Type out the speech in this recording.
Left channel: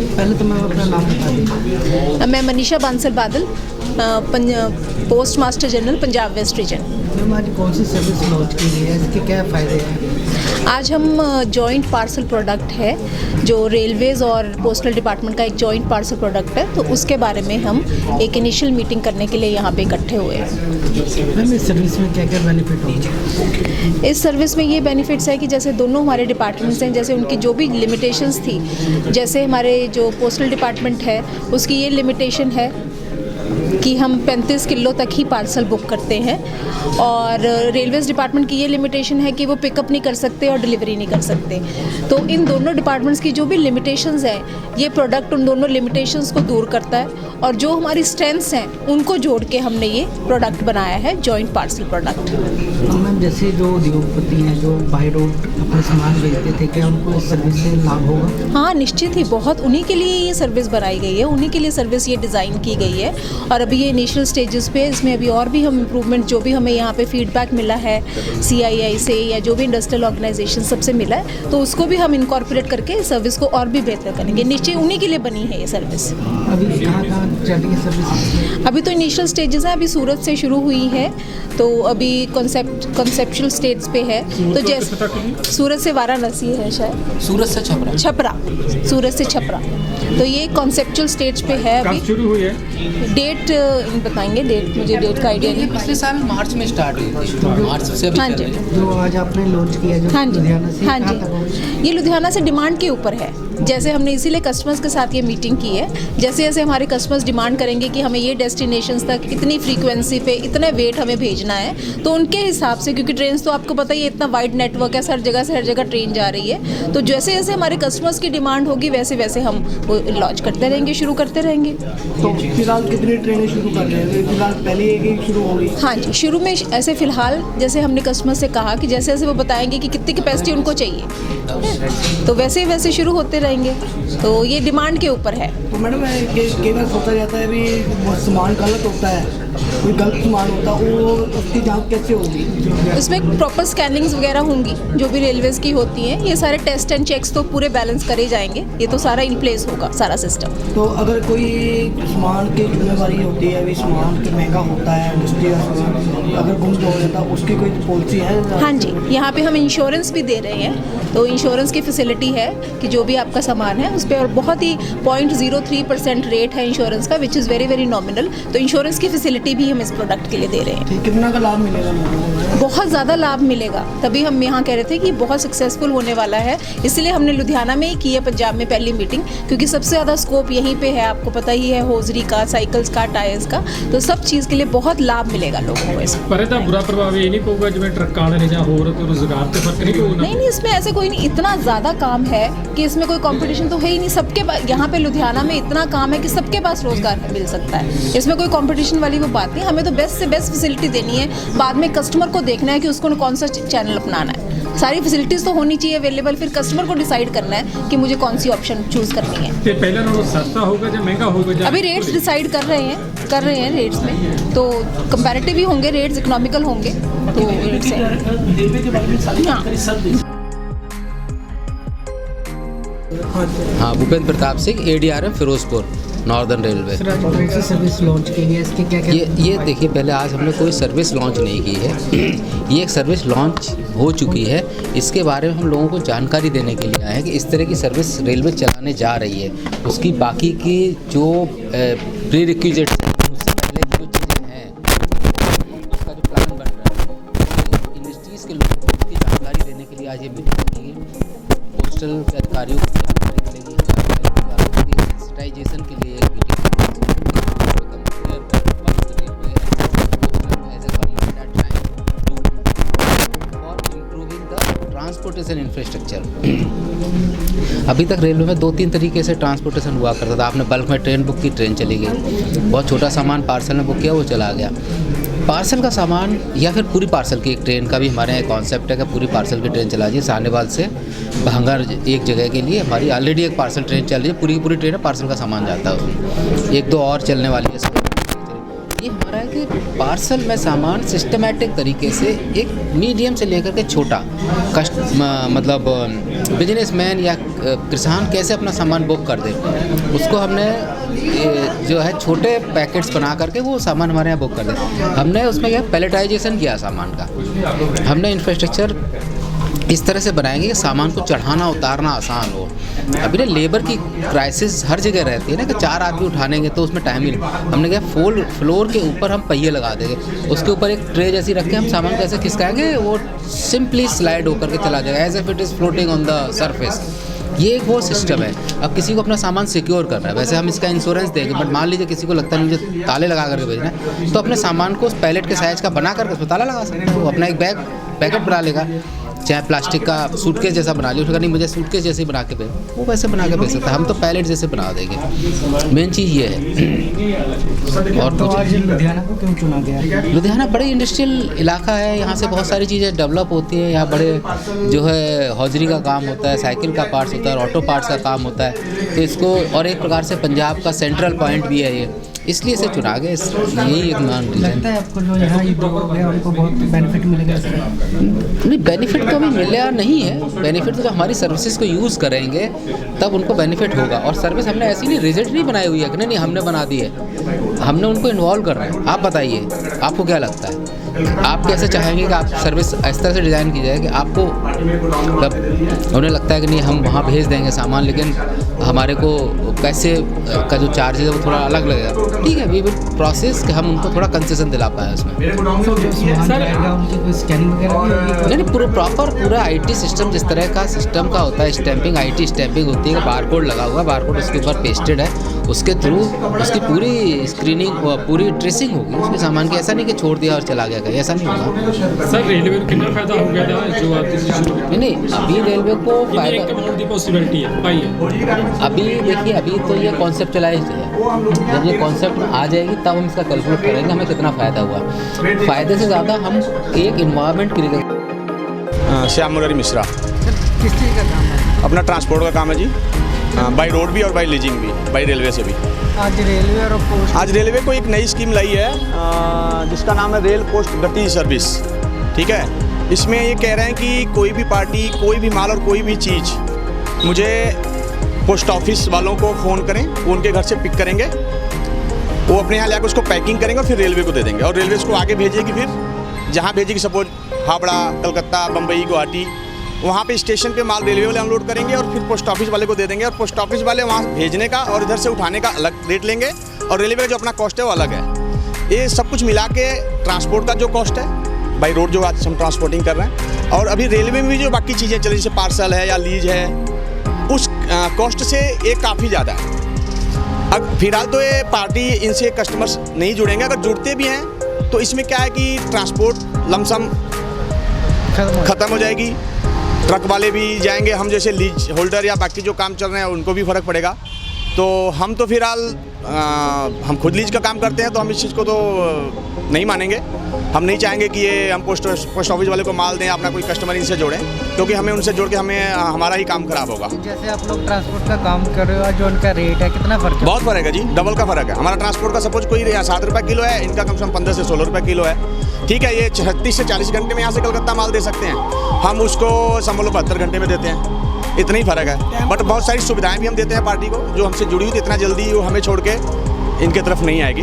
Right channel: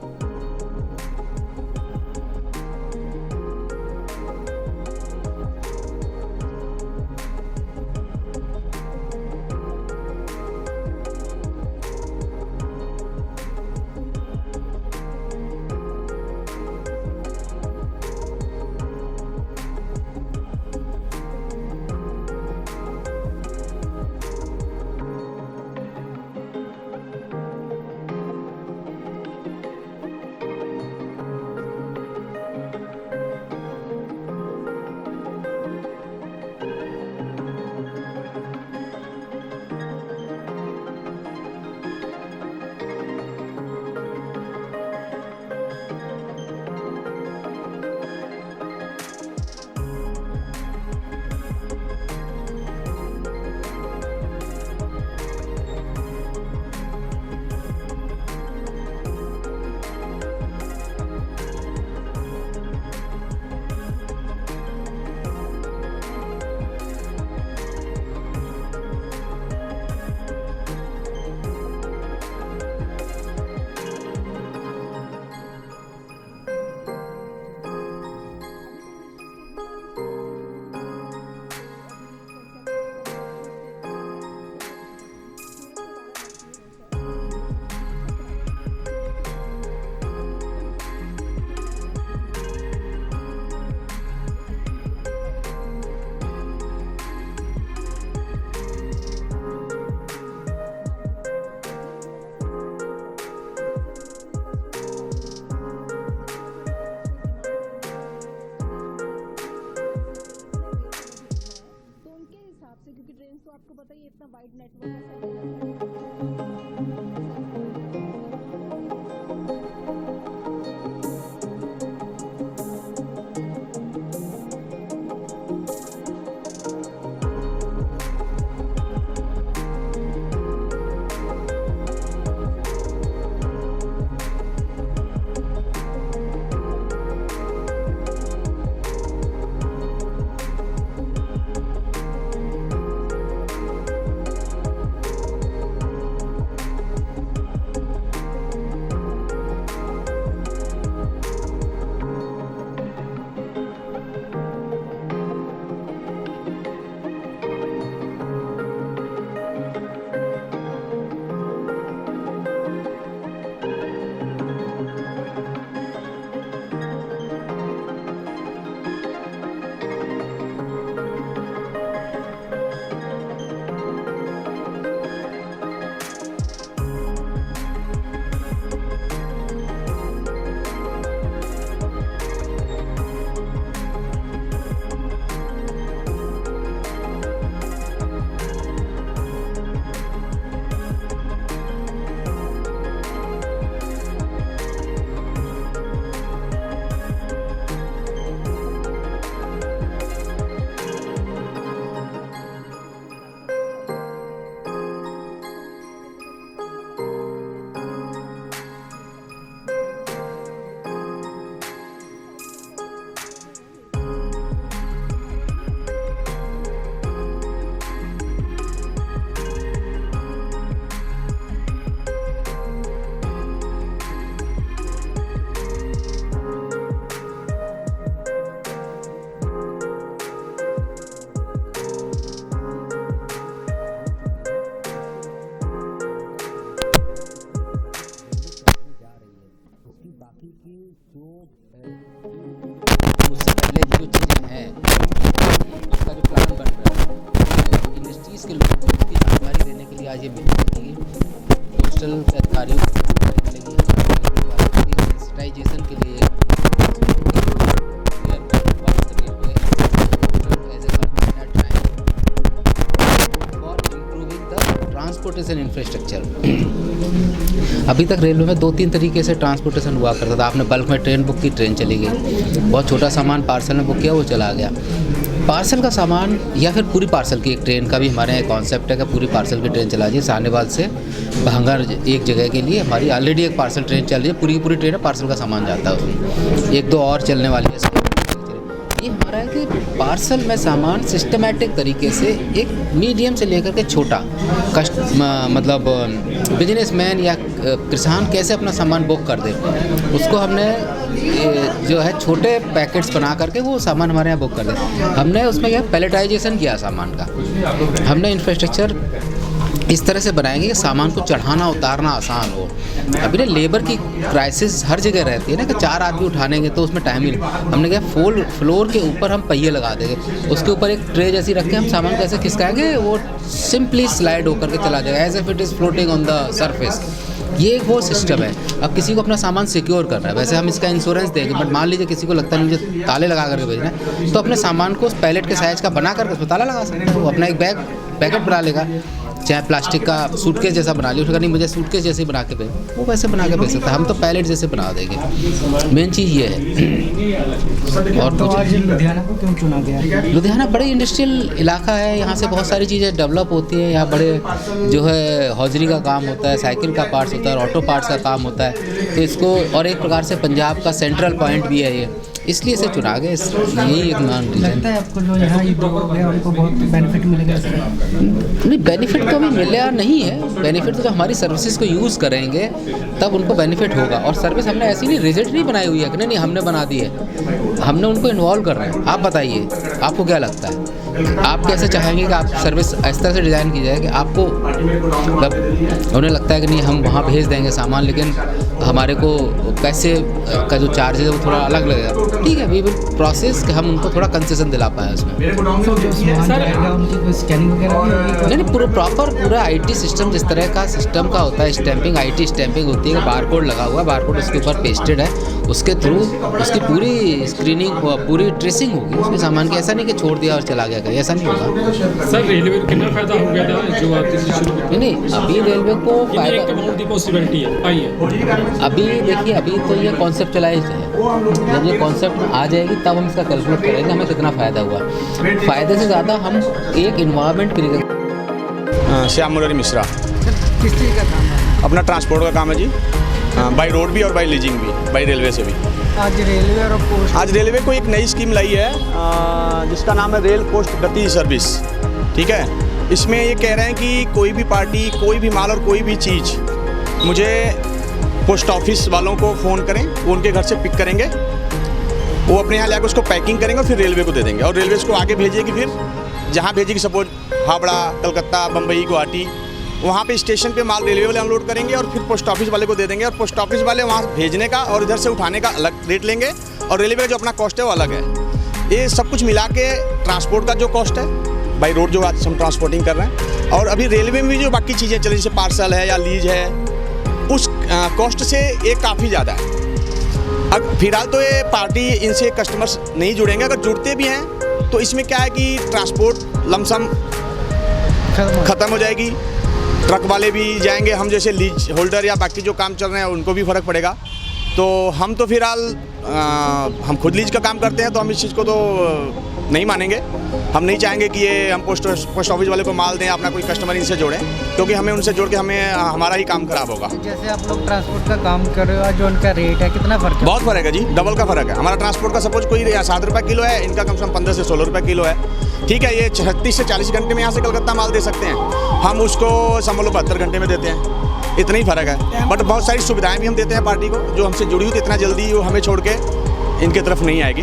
पहले तो मैं अपना नाम बता दीजिए। मैं मनीषा बांसल बादल, post master general Punjab west region. Ma'am आज कौन सी सर्विस लॉन्च की गई है, इसके क्या फ़ायदे हैं? आज हम जॉइंट पार्सल प्रोडक्ट है जो रेलवेज़ और पोस्टल डिपार्टमेंट का एक जॉइंट पार्सल प्रोडक्ट है, तो उसके बारे में हम एक इनिशियल मीटिंग करने के लिए यहाँ पे इकट्ठे हुए हैं। मैम इस सर्विस में क्या क्या बेनिफिट होंगे? इस सर्विस में ये बेनिफिट्स है कि जैसे दोनों हमारे डिपार्टमेंट्स हैं, जैसे उनकी जो भी लिमिटेशंस थी, जैसे हमारे जो पोस्टल डिपार्टमेंट है उसकी ये लिमिटेशन है कि हम 35 किलो तक ही पार्सल बुक करते हैं, और रेलवेज़ डिपार्टमेंट की ये लिमिटेशन है कि वो पिकअप नहीं कर सकते और डिलीवरी नहीं कर सकते। तो इन दोनों डिपार्टमेंट्स की जो भी लिमिटेशंस हैं, ये प्रोडक्ट उन दोनों लिमिटेशंस को दूर करता है, और जो हमारी स्ट्रेंथ्स हैं उनको जोड़ के हमने ये प्रोडक्ट बनाया है जॉइंट पार्सल प्रोडक्ट। मैम जैसे जो उद्योगपति हैं जो बाई रोड अपने सामान भेजते थे, क्या उनको इस सर्विस से लाभ होगा? हाँ निश्चित ही, बहुत उन्हीं के लिए ये सर्विस बनाई गई है, उन्हीं के लिए सर्विस ये डिज़ाइन की गई है। और अभी ये इनिशियल स्टेजेस पे, इसमें अभी और भी हम इम्प्रूवमेंट, जो भी हमें यहाँ पे फीडबैक मिला है CII से या जो भी इंडस्ट्रियल ऑर्गेनाइजेशन सबसे मिला है, तो उसको भी हम इनकॉर्पोरेट करके सर्विस को और भी बेहतर करेंगे। निश्चय उन्हीं के लिए बनी है ये सर्विस। अभी कहाँ चल रही है सर्विस? अभी तो इनिशियल स्टेजेस हैं, अभी सूरत से शुरू हुई है, तो अभी कॉन्सेप्चुअल स्टेट्स पे है। तो जैसे सूरत से वाराणसी है, शायद सूरत से छपरा, सूरत से छपरा, तो ये कॉन्सेप्चुअल स्टेज पे है। अभी शुरू हुई है, डेट बताएंगे, मुझे डेट का आइडिया नहीं। पिछले साल मार्च में स्टार्ट हुई थी, मार्च से अभी हाँ जी, जो आज आपने लॉन्च किया जो हाँ जी, लुधियाना से, हाँ कहाँ तक होगा? जी, ये लुधियाना से डिमांड के ऊपर है। जैसे हमने इसीलिए कस्टमर्स के साथ ये मीटिंग की है, जैसे जैसे हमारे कस्टमर्स डिमांड करेंगे कि हमें ये डेस्टिनेशंस तक इतनी फ्रीक्वेंसी पे इतने वेट हमें भेजना है, तो उनके हिसाब से, क्योंकि ट्रेन तो आपको पता ही है इतना वाइड नेटवर्क है, हर जगह से हर जगह ट्रेन जा रही है, तो जैसे जैसे हमारे कस्टमर्स की डिमांड होगी वैसे वैसे हम वो लॉन्च करते रहेंगे, शुरू करते रहेंगे। तो फिलहाल कितनी ट्रेनें शुरू कर रहे हैं? फिलहाल पहले एक ही शुरू हो गई? हाँ जी, शुरू में ऐसे फ़िलहाल जैसे हमने कस्टमर से कहा कि जैसे जैसे वो बताएंगे कि कितनी कैपेसिटी उनको चाहिए, तो वैसे वैसे शुरू होते रहेंगे, तो ये डिमांड के ऊपर है। तो मैडम कई बार सोचा जाता है भी वो सामान गलत होता है, कोई गलत सामान होता है, वो उसकी जांच कैसे होगी? इसमें प्रॉपर स्कैनिंग्स वगैरह होंगी जो भी रेलवेज़ की होती हैं, ये सारे टेस्ट एंड चेक्स तो पूरे बैलेंस करे जाएंगे, ये तो सारा इन प्लेस होगा सारा सिस्टम। तो अगर कोई सामान की जिम्मेदारी होती है, अभी सामान महंगा होता है, इंडस्ट्री का सामान अगर गुम हो जाता है, उसकी कोई पॉलिसी है? हाँ जी, यहाँ पे हम इंश्योरेंस भी दे रहे हैं, तो इंश्योरेंस की फैसिलिटी है कि जो भी आपका सामान है उस पर, और बहुत ही 0.03% रेट है इंश्योरेंस का, which is very very nominal, तो इंश्योरेंस की फैसिलिटी भी हम इस प्रोडक्ट के लिए दे रहे हैं। कितना का लाभ मिलेगा? बहुत ज़्यादा लाभ मिलेगा, तभी हम यहाँ कह रहे थे कि बहुत सक्सेसफुल होने वाला है, इसलिए हमने लुधियाना में ही की है, पंजाब में पहली मीटिंग, क्योंकि सबसे ज़्यादा स्कोप यहीं पे है, आपको पता ही है, होजरी का, साइकिल्स का, टायर्स का, तो सब चीज़ के लिए बहुत लाभ मिलेगा लोगों को इसमें। पर ਇਹਦਾ बुरा प्रभाव ये नहीं पऊगा जिवें ट्रक्कां वाले ने जां होर कोई रोजगार ते फर्क नहीं पऊगा? नहीं, इसमें ऐसे कोई नहीं, इतना ज़्यादा काम है कि इसमें कोई कंपटीशन तो है ही नहीं, सबके पास यहाँ पे लुधियाना में इतना काम है कि सबके पास रोज़गार मिल सकता है, इसमें कोई कंपटीशन वाली वो बात नहीं। हमें तो बेस्ट से बेस्ट फैसिलिटी देनी है, बाद में कस्टमर को देखना है कि उसको कौन सा चैनल अपनाना है, सारी फैसिलिटीज़ तो होनी चाहिए अवेलेबल, फिर कस्टमर को डिसाइड करना है कि मुझे कौन सी ऑप्शन चूज़ करनी है। ते पहले नालों सस्ता होगा या महंगा होगा? अभी रेट्स डिसाइड कर रहे हैं रेट्स में, तो कंपैरेटिव ही होंगे, रेट्स इकोनॉमिकल होंगे, तो रेट्स हैं। हाँ, Bhupendra Pratap Singh, ADRM Ferozepur, northern railway. Service launch की है, इसके क्या क्या? ये देखिए, पहले आज हमने कोई सर्विस लॉन्च नहीं की है, ये एक सर्विस लॉन्च हो चुकी है, इसके बारे में हम लोगों को जानकारी देने के लिए आए हैं कि इस तरह की सर्विस रेलवे चलाने जा रही है, उसकी बाकी की जो प्री रिक्विजिट्स, उससे पहले की जो चीज़ें हैं, उसका जो प्लान बन रहा है, उसकी इंडस्ट्रीज़ के लोगों को उसकी जानकारी देने के लिए आज ये मीटिंग रखी गई। पोस्टल के अधिकारियों को जानकारी मिलेगी, हमारे रेलवे वालों को सेंसिटाइजेशन के लिए एक मीटिंग ट्रांसपोर्टेशन इंफ्रास्ट्रक्चर। अभी तक रेलवे में 2-3 तरीके से ट्रांसपोर्टेशन हुआ करता था, आपने बल्क में ट्रेन बुक की, ट्रेन चली गई, बहुत छोटा सामान पार्सल में बुक किया, वो चला गया। पार्सल का सामान या फिर पूरी पार्सल की एक ट्रेन का भी हमारे यहाँ कॉन्सेप्ट है कि पूरी पार्सल की ट्रेन चला जाए, साहनेवाल से भांगर एक जगह के लिए हमारी ऑलरेडी एक पार्सल ट्रेन चल रही है, पूरी की पूरी ट्रेन है, पार्सल का सामान जाता है, 1-2 और चलने वाली है। ये हमारा है कि पार्सल में सामान सिस्टमेटिक तरीके से एक मीडियम से लेकर के छोटा मतलब बिजनेसमैन या किसान कैसे अपना सामान बुक कर दे, उसको हमने जो है छोटे पैकेट्स बना करके वो सामान हमारे यहाँ बुक कर दे। हमने उसमें क्या पैलेटाइजेशन किया सामान का, हमने इंफ्रास्ट्रक्चर इस तरह से बनाएंगे कि सामान को चढ़ाना उतारना आसान हो। अभी ना लेबर की क्राइसिस हर जगह रहती है ना कि 4 आदमी उठानेंगे तो उसमें टाइम ही नहीं। हमने क्या फ्लोर के ऊपर हम पहिए लगा देंगे, उसके ऊपर एक ट्रे जैसी रख के हम सामान को ऐसे खिसकाएंगे, वो सिंपली स्लाइड होकर के चला जाएगा as if it is floating on the surface. ये एक वो सिस्टम है। अब किसी को अपना सामान सिक्योर करना है, वैसे हम इसका इंश्योरेंस देंगे, बट मान लीजिए किसी को लगता है मुझे ताले लगा करके भेजना है, तो अपने सामान को उस पैलेट के साइज़ का बना करके उसमें ताला लगा सकते हैं। वो अपना एक पैकेट बना लेगा, चाहे प्लास्टिक का सूटकेस जैसा बना लिया, उसका नहीं मुझे सूटकेस जैसे बना के भेज, वो वैसे बना के भेज सकता है। हम तो पैलेट जैसे बना देंगे, मेन चीज़ ये है। और तो आज लुधियाना को क्यों चुना गया? लुधियाना बड़े इंडस्ट्रियल इलाका है, यहाँ से बहुत सारी चीज़ें डेवलप होती हैं। यहाँ बड़े जो है हौजरी का काम होता है, साइकिल का पार्ट्स होता है, ऑटो पार्ट्स का काम होता है, तो इसको और एक प्रकार से पंजाब का सेंट्रल पॉइंट भी है ये, इसलिए इसे चुना गया। यही एक मान लगता है आपको जो यहाँ उद्योग है उनको बहुत बेनिफिट मिलेगा इससे? नहीं, बेनिफिट तो अभी मिला नहीं है। बेनिफिट तो जब हमारी सर्विसेज को यूज़ करेंगे तब उनको बेनिफिट होगा। और सर्विस हमने ऐसी नहीं रिजिड नहीं बनाई हुई है कि नहीं हमने बना दी है, हमने उनको इन्वॉल्व करना है। आप बताइए आपको क्या लगता है, आप कैसे चाहेंगे कि आप सर्विस इस तरह से डिज़ाइन की जाए कि आपको मतलब उन्हें लगता है कि नहीं हम वहाँ भेज देंगे सामान, लेकिन हमारे को पैसे का जो चार्ज है वो थोड़ा अलग लगेगा। ठीक है, वी विल प्रोसेस कि हम उनको थोड़ा कंसेशन दिला पाए उसमें। स्कैनिंग वगैरह भी होगी? नहीं, पूरा आईटी सिस्टम जिस तरह का सिस्टम का होता है, स्टैंपिंग आईटी स्टैंपिंग होती है, बारकोड लगा हुआ, बारकोड उसके ऊपर पेस्टेड है, उसके थ्रू उसकी पूरी स्क्रीनिंग पूरी ट्रेसिंग होगी उसके सामान की। ऐसा नहीं कि छोड़ दिया और चला गया कहीं, ऐसा नहीं होगा। सर रेलवे को कितना फायदा हो गया था जो आप शुरू किया? नहीं, अभी रेलवे को फायदा अमाउंट की पॉसिबिलिटी है पाई है। अभी देखिए, अभी तो ये कॉन्सेप्चुलाइज्ड है, जब ये कॉन्सेप्ट में आ जाएगी तब हम इसका कैलकुलेट करेंगे हमें कितना फ़ायदा हुआ। फ़ायदे से ज़्यादा हम एक इन्वायरमेंट क्रिएट। श्याम मुरारी मिश्रा। किस चीज़ का काम है? अपना ट्रांसपोर्ट का काम है जी, बाई रोड भी और बाई लीजिंग भी, बाई रेलवे से भी। आज रेलवे और पोस्ट आज रेलवे को एक नई स्कीम लाई है जिसका नाम है रेल पोस्ट गति सर्विस। ठीक है, इसमें ये कह रहे हैं कि कोई भी पार्टी, कोई भी माल और कोई भी चीज़ मुझे पोस्ट ऑफिस वालों को फ़ोन करें, वो उनके घर से पिक करेंगे, वो अपने यहाँ लाकर उसको पैकिंग करेंगे और फिर रेलवे को दे देंगे, और रेलवे उसको आगे भेजेगी। फिर जहाँ भेजेगी, सपोज हावड़ा, कलकत्ता, बम्बई, गुवाहाटी, वहाँ पे स्टेशन पे माल रेलवे वाले अनलोड करेंगे और फिर पोस्ट ऑफिस वाले को दे देंगे, और पोस्ट ऑफिस वाले वहाँ भेजने का और इधर से उठाने का अलग रेट लेंगे, और रेलवे का जो अपना कॉस्ट है वो अलग है। ये सब कुछ मिला के ट्रांसपोर्ट का जो कॉस्ट है बाई रोड जो आज हम ट्रांसपोर्टिंग कर रहे हैं, और अभी रेलवे में भी जो बाकी चीज़ें चल रही जैसे पार्सल है या लीज है, उस कॉस्ट से ये काफ़ी ज़्यादा है। अब फिलहाल तो ये पार्टी इनसे कस्टमर्स नहीं जुड़ेंगे, अगर जुड़ते भी हैं तो इसमें क्या है कि ट्रांसपोर्ट लमसम ख़त्म हो जाएगी, ट्रक वाले भी जाएंगे, हम जैसे लीज होल्डर या बाकी जो काम चल रहे हैं उनको भी फ़र्क पड़ेगा। तो हम तो फिलहाल हम खुद लीज का काम करते हैं, तो हम इस चीज़ को तो नहीं मानेंगे। हम नहीं चाहेंगे कि ये हम पोस्ट ऑफिस वाले को माल दें, अपना कोई कस्टमर इनसे जोड़ें, क्योंकि हमें उनसे जोड़ के हमारा ही काम खराब होगा। जैसे आप लोग ट्रांसपोर्ट का काम कर रहे हो, जो उनका रेट है कितना फ़र्क है? बहुत फ़र्क है जी, डबल का फ़र्क है। हमारा ट्रांसपोर्ट का सपोज कोई 7 रुपये किलो है, इनका कम से कम 15 से 16 रुपये किलो है। ठीक है, ये 36 से 40 घंटे में यहाँ से कलकत्ता माल दे सकते हैं, हम उसको समझ लो 72 घंटे में देते हैं। इतना ही फ़र्क है, बट बहुत सारी सुविधाएँ भी हम देते हैं पार्टी को, जो हमसे जुड़ी हुई, तो इतना जल्दी वो हमें छोड़ के इनके तरफ नहीं आएगी।